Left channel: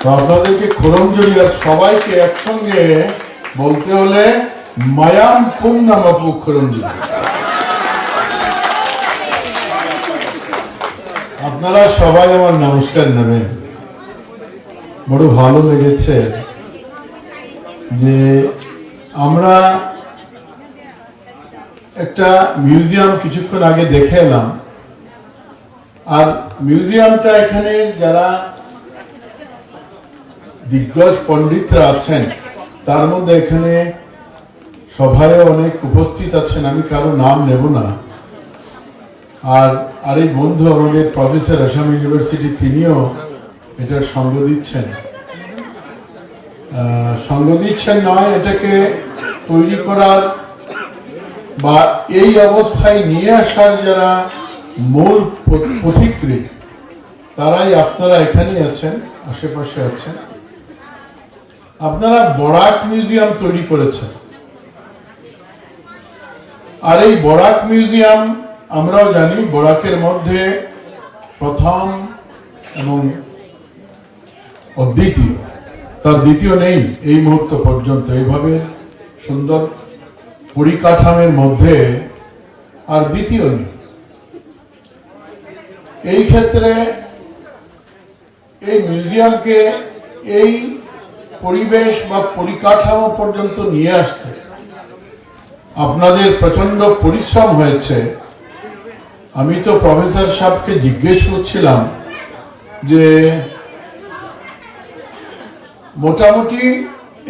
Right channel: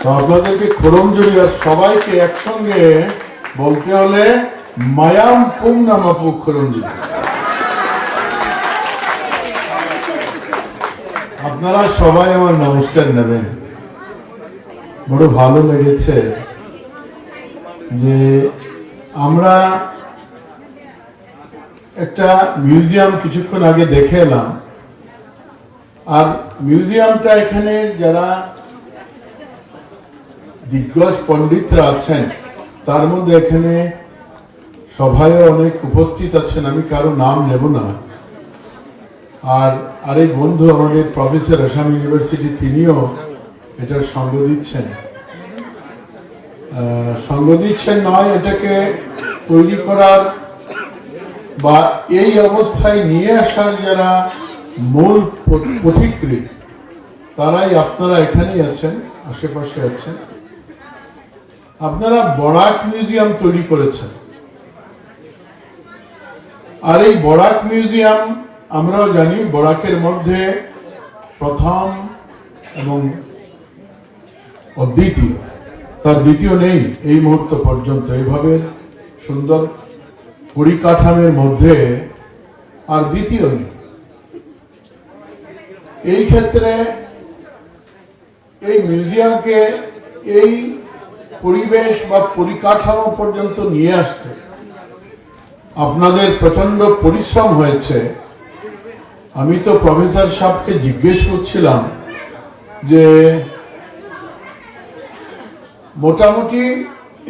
তো আপনাদেরকে খোরমজুরি আর সবাইকে একসঙ্গে বলতে হলে মায়াম পুং নামাপু খোরমজুরি। আপনারা সবাই আমার নমস্কার নেবেন। বড় ভালো লেগেছে যে আমরা একটা মিউজিয়াম কিছুক্ষণ আগে দেখে এলাম, আর মিউজিয়ামটা এখানে যারা দিগ্গজ পণ্ডিতরা আছেন তার মধ্যে এখানে সভায় অনেক উপস্থিত আছেন, আমি কারো নাম নেব না। আর আরেক বন্ধু আমাদের প্রফেসর আসাম ইউনিভার্সিটি, তিনিও এটার সঙ্গ দিচ্ছেন নয়, এটাকে তৈরি করার বা এই অবস্থায় নিয়ে আসার যারা মূল পথিকৃৎ তারাই আপনারা এখানেই আছেন, আশেপাশে আছেন। আপনারা বরাক মিউজিয়াম তৈরি করেছেন, আর এই বরাক মিউজিয়াম আমরাও জানি বরাকের মধ্যে প্রথম এবং অদ্বিতীয়, তার দ্বিতীয় নেই এই মুহূর্ত পর্যন্ত। এইভাবে সুন্দর পরিকাঠামের মধ্যে আর দ্বিতীয় নেই। এই ক্ষেত্রে এই মিউজিয়ামকে এই পরিবেশ বা পরিকাঠামো পর্যন্ত নিয়ে আসতে আপনাদের প্রচন্ড পরিশ্রম হয়েছে। আমি তো প্রফেসর সাহেবকে জিজ্ঞেস করছিলাম যে মোটামুটি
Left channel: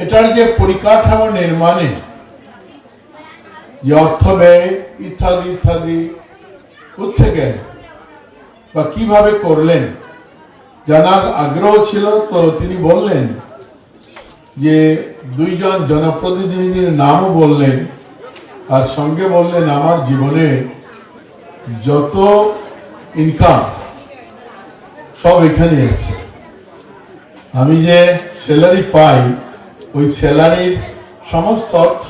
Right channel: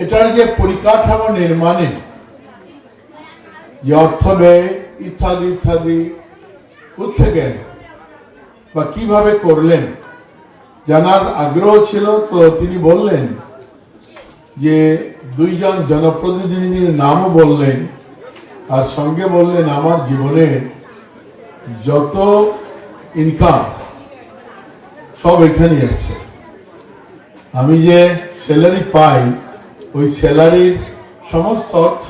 এটার যে পরিকাঠামো নির্মাণে যে অর্থ ব্যয় ইত্যাদি ইত্যাদি কোত্থেকে বা কিভাবে করলেন জানার আগ্রহ ছিল। তো তিনি বললেন যে দুইজন জনপ্রতিনিধির নামও বললেন, আর সঙ্গে বললেন আমার জীবনে যত ইনকাম সব এখানে আছে। আমি যে স্যালারি পাই ওই স্যালারির সমস্ত অর্থ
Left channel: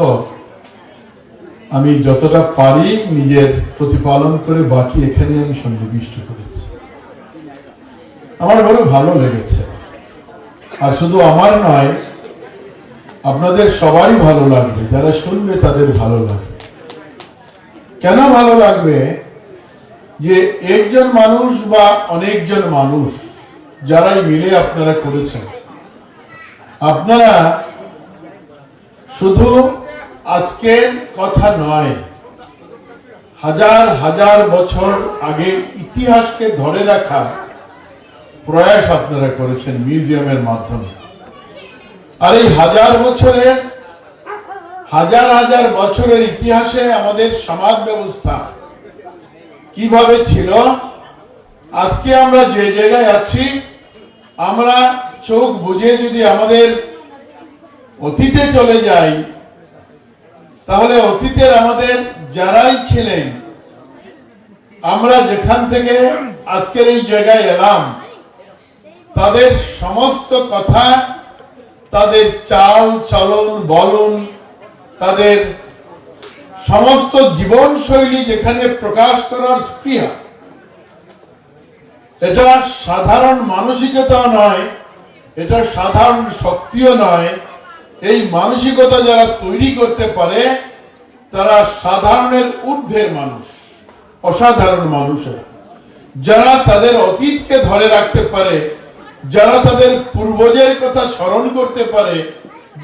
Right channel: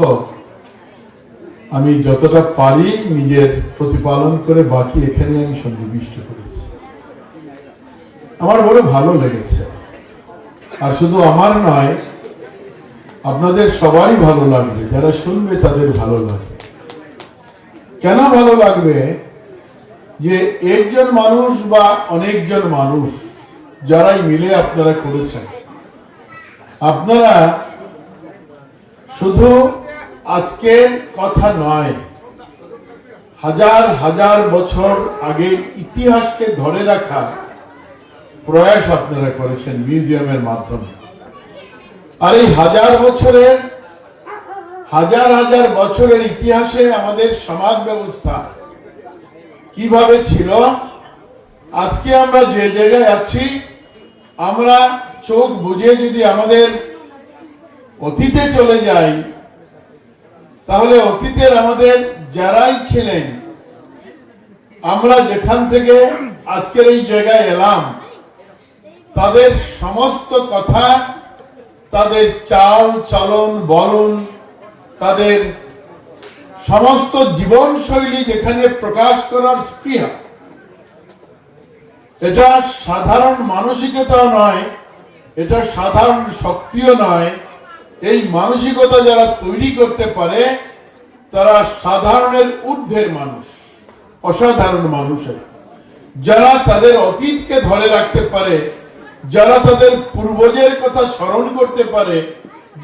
আমি যতটা পারি নিজের প্রতিপালন করে বাকি এখানে আমি সন্নিবিষ্ট করেছি। আমার বড় ভালো লেগেছে, আর শুধু আমার নয়, আপনাদের সবারই ভালো লাগবে, যারা শুনবে তাদের ভালো লাগবে। কেন ভালো লাগবে? যে একজন মানুষ বা অনেকজন মানুষ যারাই মিলে আপনারা করেছেন, আপনারা শুধু আজকের কথা নয়, হাজার হাজার বছর আগে ইতিহাসকে ধরে রাখা প্রয়াস আপনারা করেছেন মিউজিয়ামের মাধ্যমে। আর এই হাজার হাজার বছরের ইতিহাসে আমাদের সমাজ ব্যবস্থা কিভাবে ছিল, আজকে আমরা যে জায়গায় আছি, আমরা চোখ বুঝে যদি আমাদের অতীতে চলে যাই, তাহলে অতীতের আমাদের যারাই ছিলেন, আমরা যেখান থেকে আজকের এই জায়গায় এলাম, তাদের সমস্ত কথা, তাদের চাল চলন বলন, তাদের সমস্ত জীবন শৈলী যেখানে প্রকাশ করার স্পৃহা, এটা সাধারণ মানসিকতাও নয়, এটা সাধারণ শক্তিও নয়। এই মানসিকতা যারা তৈরি করতে পারে তারা সাধারণের ঊর্ধ্বের মানুষ, অসাধারণ মানুষের, যারা তাদের অতীতকে ধরে রাখতে পারে, যারা তাদের পূর্বজের কথা স্মরণ করতে পারে,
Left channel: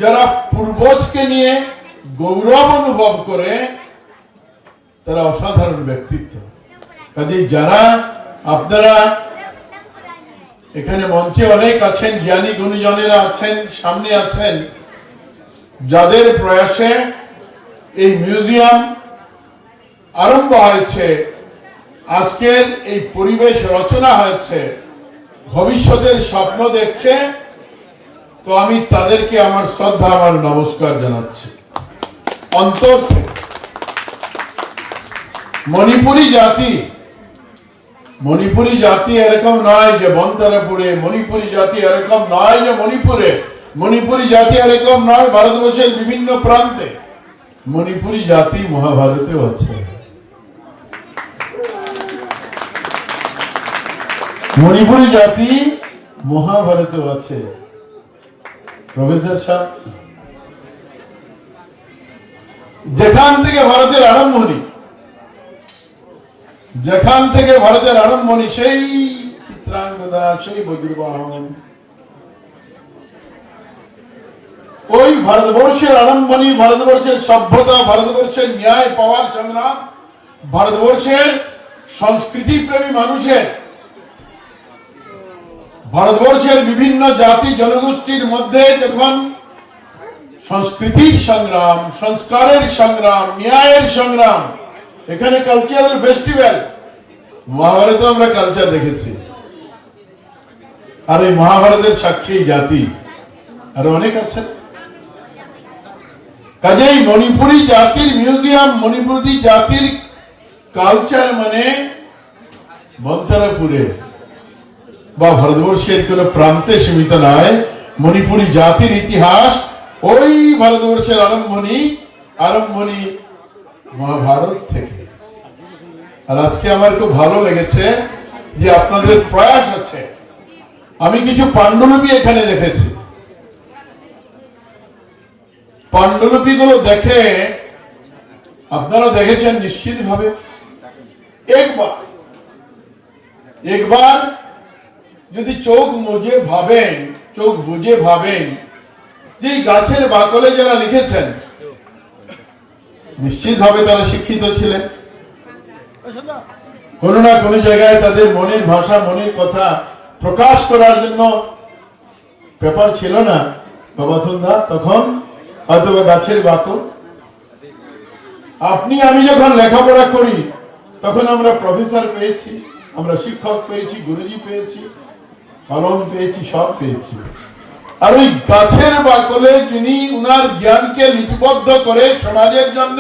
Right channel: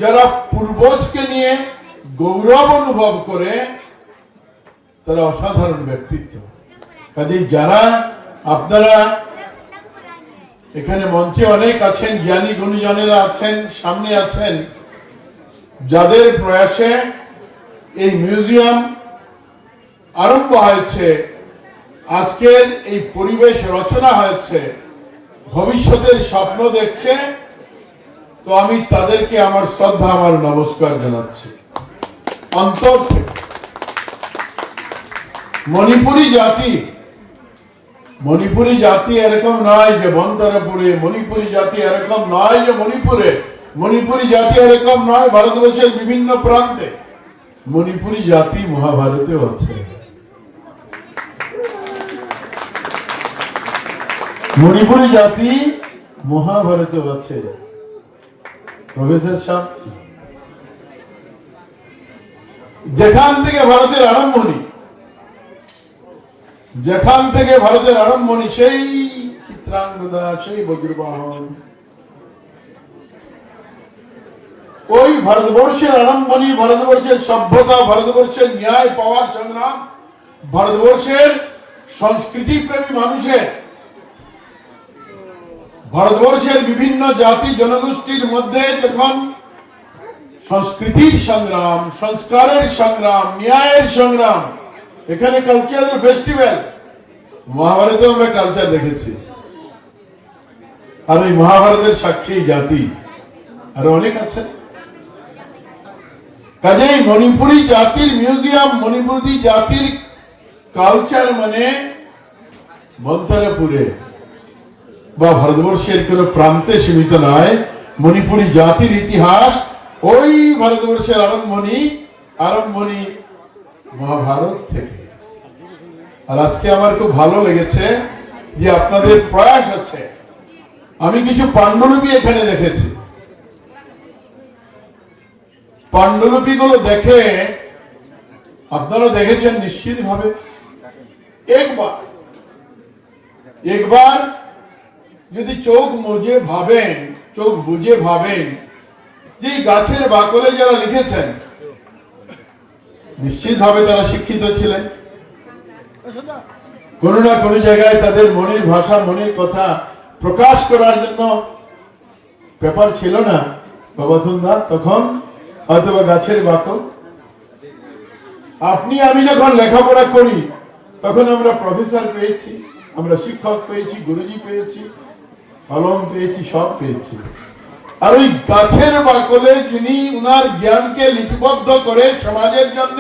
যারা পূর্বজকে নিয়ে গৌরব অনুভব করে, তারা অসাধারণ ব্যক্তিত্ব। কাজেই যারা আপনারা এখানে মঞ্চে অনেক আছেন, জ্ঞানী গুণীজনেরা আছেন, সামনে আছেন, যাদের প্রয়াসে এই মিউজিয়াম আরম্ভ হয়েছে, আজকের এই পরিবেশ রচনা হয়েছে, ভবিষ্যতের স্বপ্ন দেখছে, তো আমি তাদেরকে আমার শ্রদ্ধা, আমার নমস্কার জানাচ্ছি অন্তর থেকে। মণিপুরি জাতি এরকম নয় যে বন্তরপুরে, মণিপুরি জাতি এরকম নয় যে মণিপুরে, মণিপুরি জাতি এরকম নয় ভারতবর্ষের বিভিন্ন প্রান্তে। মণিপুরি জাতি মহাভারতেও আছে। মণিপুরি জাতি মহাভারতেও আছে। প্রফেসর সাহেব, যেখান থেকে ভারতের আরম্ভণি সেই চিত্রাঙ্গদা, সেই বজ্রবাহন, ওই ভারতবর্ষের আরম্ভণি, ভারতবর্ষের সভ্যতা, ভারতবর্ষের ন্যায় পাওয়ার সংগ্রাম, ভারতবর্ষের সংস্কৃতি প্রেমী মানুষের, ভারতবর্ষের বিভিন্ন জাতি জনগোষ্ঠীর মধ্যে যখন সংস্কৃতির সংগ্রাম, সংস্কারের সংগ্রাম, ন্যায়ের সংগ্রাম, এখানে কালচারাল ফেস্টিভ্যাল, মহাভারতে আমরা কালচার দেখেছি, আর এই মহাভারতের সাক্ষী জাতি আর অনেক আছে। কাজেই মণিপুরী জাতির মিউজিয়াম, মণিপুরী জাতির কালচার মানে মন্তারাপুরে বা ভারতবর্ষের কোন প্রান্তে সীমিত নয়। মণিপুরী জাতির ইতিহাস ওই ভারতবর্ষের আরম্ভণি মহাভারত থেকে। আর আজকে আমার খুব ভালো লেগেছে যে আপনাদের প্রয়াস আছে। আমি কিছু পাণ্ডুলিপি এখানে দেখেছি। পাণ্ডুলিপিগুলো দেখে আপনারা দেখেছেন নিশ্চিতভাবে। একবার যদি চোখ বুঝে ভাবেন যে গাছের বাকলে যারা লিখেছেন নিশ্চিতভাবে তারা শিক্ষিত ছিলেন। কোনো না কোনো জায়গায় তাদের মনের ভাষা, মনের কথা প্রকাশ করার জন্য পেপার ছিল না বাবাথুন্দা, তখন হয়তো গাছের বাকল। আপনি আমি যখন লেখাপড়া করি তখন আমরা প্রফেসর পেয়েছি, আমরা শিক্ষক পেয়েছি, গুরুজি পেয়েছি, কলম পেয়েছি, সব পেয়েছি। আর ওই গাছের বাকলে যিনি উনার জ্ঞানকে লিপিবদ্ধ করে সমাজের জন্য,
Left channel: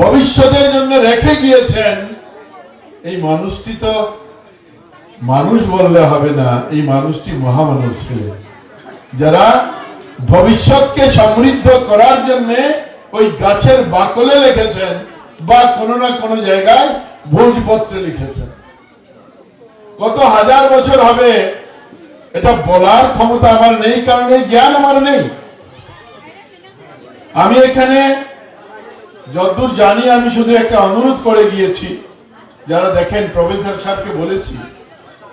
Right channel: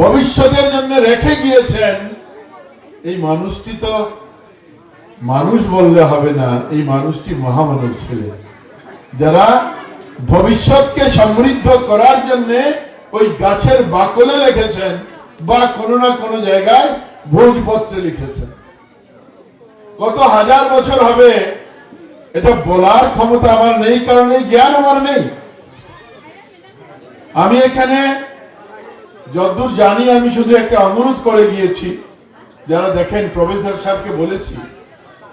ভবিষ্যতের জন্য রেখে গিয়েছেন, এই মানুষটি তো মানুষ বললে হবে না, এই মানুষটি মহামানব ছিলেন, যারা ভবিষ্যৎকে সমৃদ্ধ করার জন্য ওই গাছের বাকলে লিখেছেন বা কোনো না কোনো জায়গায় ভোজপত্রে লিখেছেন। কত হাজার বছর হবে এটা বলার ক্ষমতা আমার নেই, কারণ এই জ্ঞান আমার নেই। আমি এখানে যতদূর জানি আমি শুধু একটা অনুরোধ করে গিয়েছি, যারা দেখেন প্রফেসর সাহেবকে বলেছি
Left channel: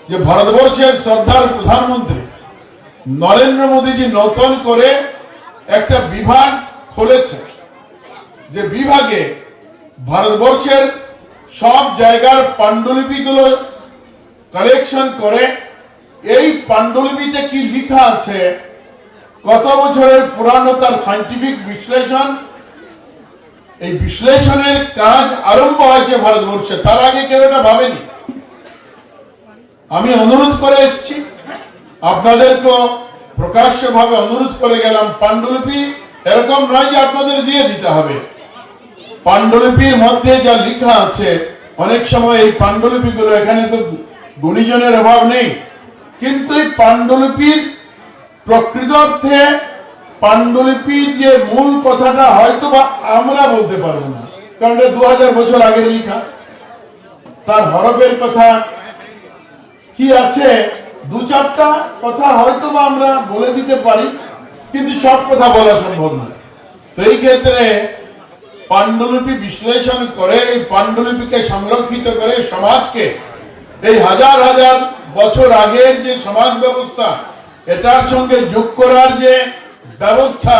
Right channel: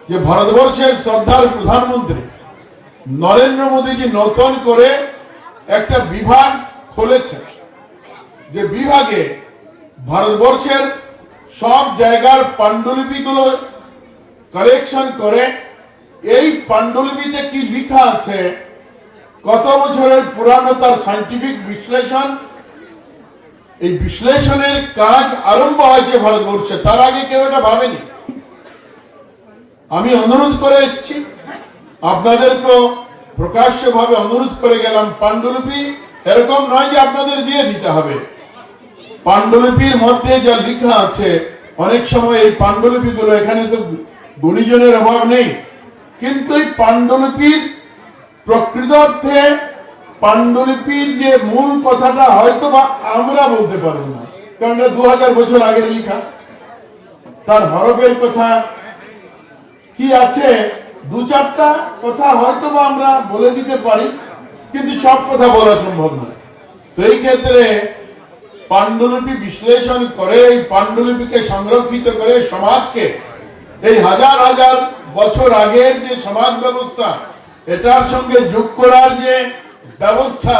যে ভারতবর্ষের শ্রদ্ধার প্রধানমন্ত্রী নরেন্দ্র মোদীজি নতুন করে একটা বিভাগ খুলেছে, যে বিভাগে ভারতবর্ষের সব জায়গার পাণ্ডুলিপিগুলো কালেকশন করে এই পাণ্ডুলিপিতে কি লেখা আছে, কত বছরের পুরানো তার সায়েন্টিফিক বিশ্লেষণ, এই বিশ্লেষণের কাজ আরম্ভ হয়েছে ভারতবর্ষে, তার আগে কেউ এটা ভাবেনি। আমি অনুরোধ করে এসেছি, আপনাদেরকে প্রকাশ্যভাবে অনুরোধ করে গেলাম, পাণ্ডুলিপি এরকম নয় যে আপনাদের দিয়ে দিতে হবে। পাণ্ডুলিপির মধ্যে যা লেখা আছে, অনেক সময় এই পাণ্ডুলিপিগুলো, এখানে তো গুণীজনের অভাব নেই, কিন্তু এই পাণ্ডুলিপির প্রকৃত অর্থে পাণ্ডুলিপির যে মূল কথাটা হয়তো বা আমরা বলতে পারবো না, কারণ এটা 2000 বছর আগের লেখা। তার হরফের কথা কি আছে, 2-4টা কথা হয়তো বা আমরা বলে দিতে পারি, কিন্তু সব কথা বলা সম্ভব না। তো এই ক্ষেত্রে পাণ্ডুলিপি বিশ্লেষণ করে, এই পাণ্ডুলিপিকে সংরক্ষিত করে সমাজকে, এই হাজার হাজার বছর আগের যে সমাজ ব্যবস্থা, এটার সঙ্গে যোগ করার যে ব্যবস্থা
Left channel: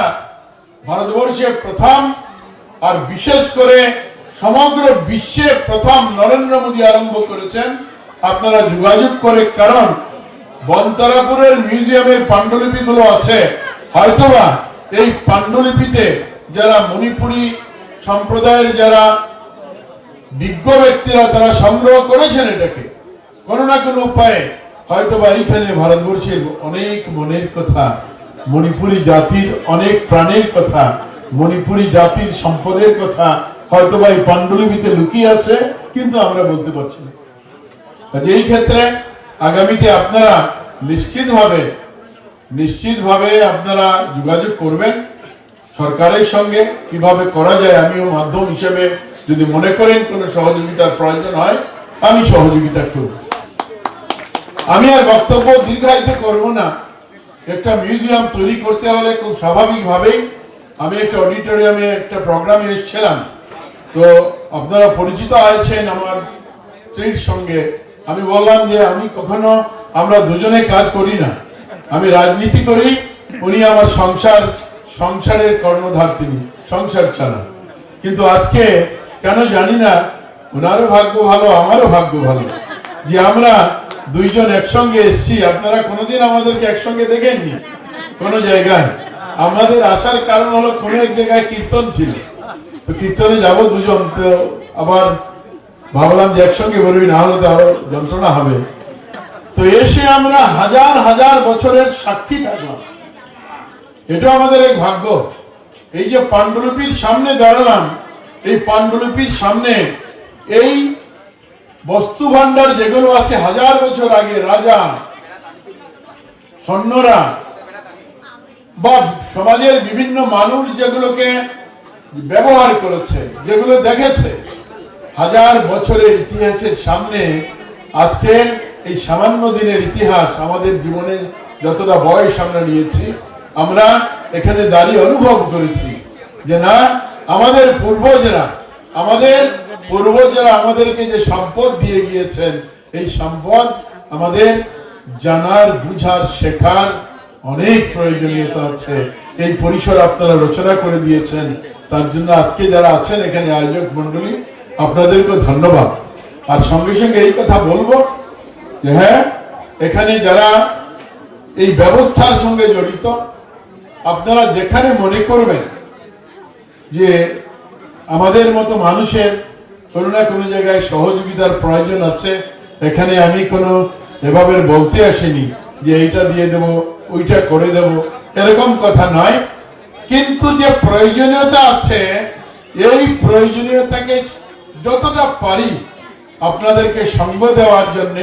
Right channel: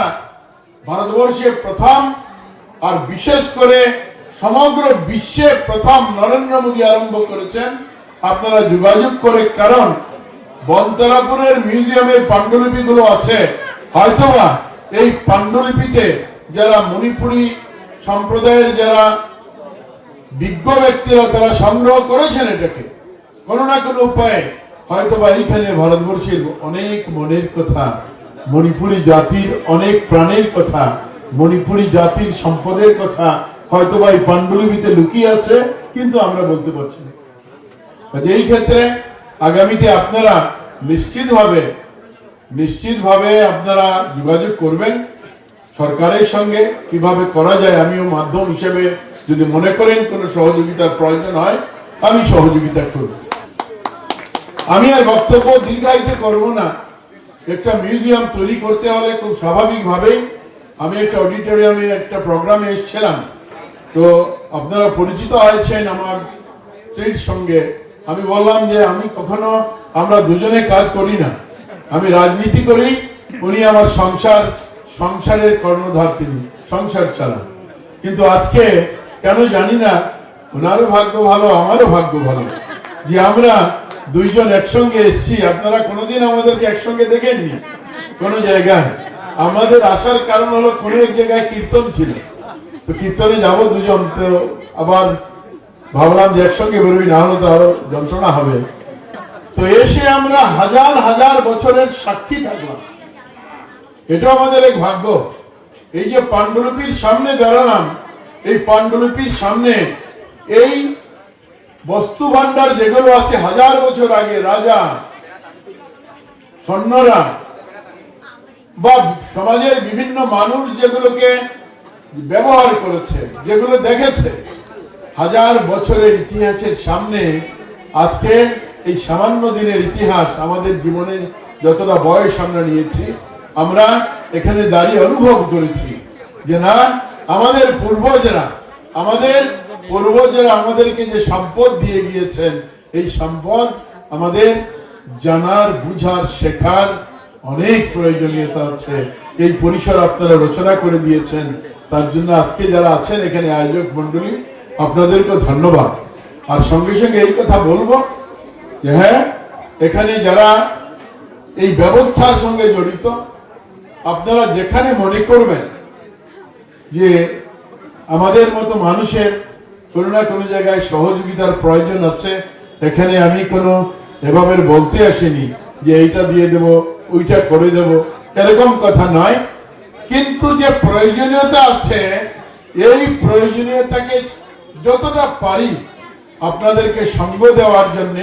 ভারতবর্ষে প্রথম, আর বিশেষ করে সমগ্র বিশ্বে প্রথম নরেন্দ্র মোদী আরম্ভ করেছেন। আপনারা যোগাযোগ করে, কারণ বনতারাপুরের মিউজিয়ামে পাণ্ডুলিপিগুলো আছে, হয়তোবা এই পাণ্ডুলিপিতে যারা মণিপুরী সম্প্রদায়ের যারা বিজ্ঞ ব্যক্তিরা তারা সংগ্রহ করেছেন, এটাকে কোনো না কোনো উপায়ে হয়তোবা এইখানে ভারতবর্ষের অনেক মনের কথা, মণিপুরী জাতির অনেক প্রাণের কথা, মণিপুরী জাতির সম্পদের কথা হয়তোবা এই পাণ্ডুলিপিতে লুকিয়ে আছে, কিন্তু আমরা বলতে পারছি না। এই ক্ষেত্রে আগামীতে আপনারা নিশ্চিতভাবে আপনারা যোগাযোগ করবেন সরকারের সঙ্গে, কিভাবে করা যায়। আমিও মাধ্যম হিসেবে যদি মনে করেন কোনো সহযোগিতার প্রয়োজন হয়, আমি সহযোগিতা করব। আমি আর বক্তব্য দীর্ঘায়িত করব না, একটা মিউজিয়াম তৈরি করতে হলে খুব স্বাভাবিকভাবেই আমি একটা অডিটোরিয়ামে একটা প্রোগ্রামে এসেছিলাম। তো আপনারা পরিচিত হয়েছেন আমার স্ত্রীর সঙ্গে। আমি বললাম যে আমি কখনো, আমরা দুজনে কাজ করি না, আমি রাজনীতি করি, উনি আমার সংসারের কর্ণধার, তিনি সংসার চালান। কিন্তু আজকে কেন জানি না, ওনারও ভাগ্য ভালো, আমারও ভাগ্য ভালো যে আমরা দুইজন একসঙ্গে এসেছি। আপনারা কোনোদিন আমাদেরকে একসঙ্গে দেখেননি কোনো জায়গায়। আমাদের আসার কারণ হলো কোনো এক জায়গায় কীর্তন ছিল, তো কীর্তনে যাব দুজন, তো আবার ভাবলাম যে একসঙ্গে বেরোই, না হলে তো আরো যন্ত্রণা হবে। তো এসে আমরা হাজার হাজার বছরের সাক্ষী থাকলাম, এটা আমাদের এক ভাগ্য। এই যে পাণ্ডুলিপির সামনে দাঁড়ালাম, এই পাণ্ডুলিপির সামনে এই বস্তু ভান্ডার যেগুলো আছে হাজার বছর আগে রাজা সৈন্যরা বা সমাজের বিভিন্ন মানুষ যেগুলোকে ব্যবহার করেছে, যেগুলো দেখেছে, হাজার বছরের ইতিহাসের সামনে আজকে এই সামান্য দিনের ইতিহাস আমাদের জীবনে যতটা বয়স আমরা নিয়েছি, আমরা এখানে দাঁড়িয়ে অনুভব করেছি যে না, আমাদের পূর্বজরা আমাদেরকে যে সম্পদ দিয়ে গিয়েছেন, এই সম্পদ আমাদের জানার, বুঝার, শেখার অনেক প্রয়োজনীয়তা আছে। এই পরিসর আপনারা রচনা করে দিয়েছেন, তার জন্য আজকে যারা আছেন এখানে আয়োজক মন্ডলী, আপনাদেরকে ধন্যবাদ। আর সঙ্গে সঙ্গে এই কথা বলবো যে হ্যাঁ, এখানে যারা এই ব্যবস্থার সঙ্গে জড়িত, আপনারা যেখানে মনে করবেন যে আমাদের মতো মানুষের কোনো না কোনো জায়গায় সহযোগিতার প্রয়োজন আছে, এখানে আমি কোনো এভাবে বলতে আসিনি যে এইটা দিয়ে দেব, ওইটা করে দেব, এরকম কথা নয়। কিন্তু যে প্রয়োজনীয়তা আছে, এই প্রয়োজনীয়তাকে যতটা পারি আপনাদেরকে সঙ্গ দেওয়ার জন্য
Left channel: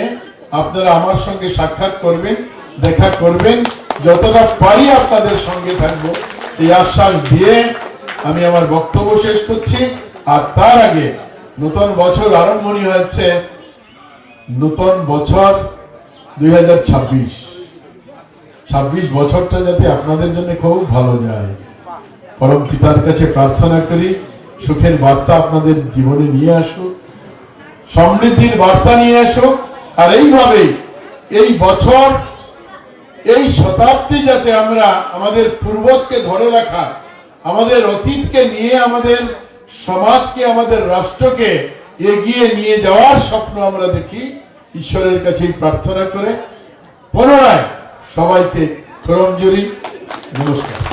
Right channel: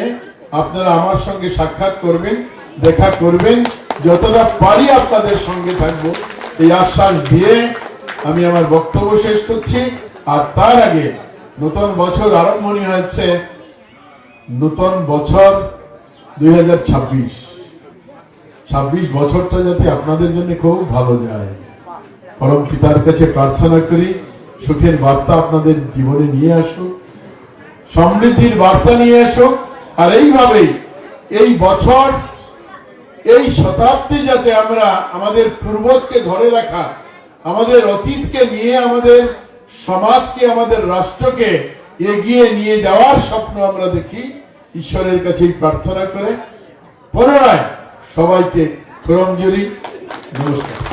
আপনারা আমার সঙ্গে সাক্ষাৎ করবেন, দেখা করবেন, যতটা পারি আপনাদের সঙ্গে থাকবো, এই আশ্বাস দিয়ে আমি আমার বক্তব্য শেষ করছি। আর তার আগে নতুন বছর আরম্ভণী হচ্ছে, নতুন বছর 2026 বছরটা যাতে আপনাদের জন্য খুব ভালো যায়, পরম পিতার কাছে প্রার্থনা করি সুখের বার্তা আপনাদের জীবনে নিয়ে আসুক, সমৃদ্ধির বার্তা নিয়ে আসুক। আর এইভাবেই এই বছর, এই শতাব্দী যাতে আমরা আমাদের পূর্বজকে ধরে রাখা, আমাদের অতীতকে নিয়ে আমাদের সমাজকে, আমাদের রাষ্ট্রকে এগিয়ে নিয়ে যাওয়ার স্বপ্ন আমরা দেখি, ঈশ্বরের কাছে প্রার্থনা করে পুনরায় সবাইকে করমজোড়ি নমস্কার।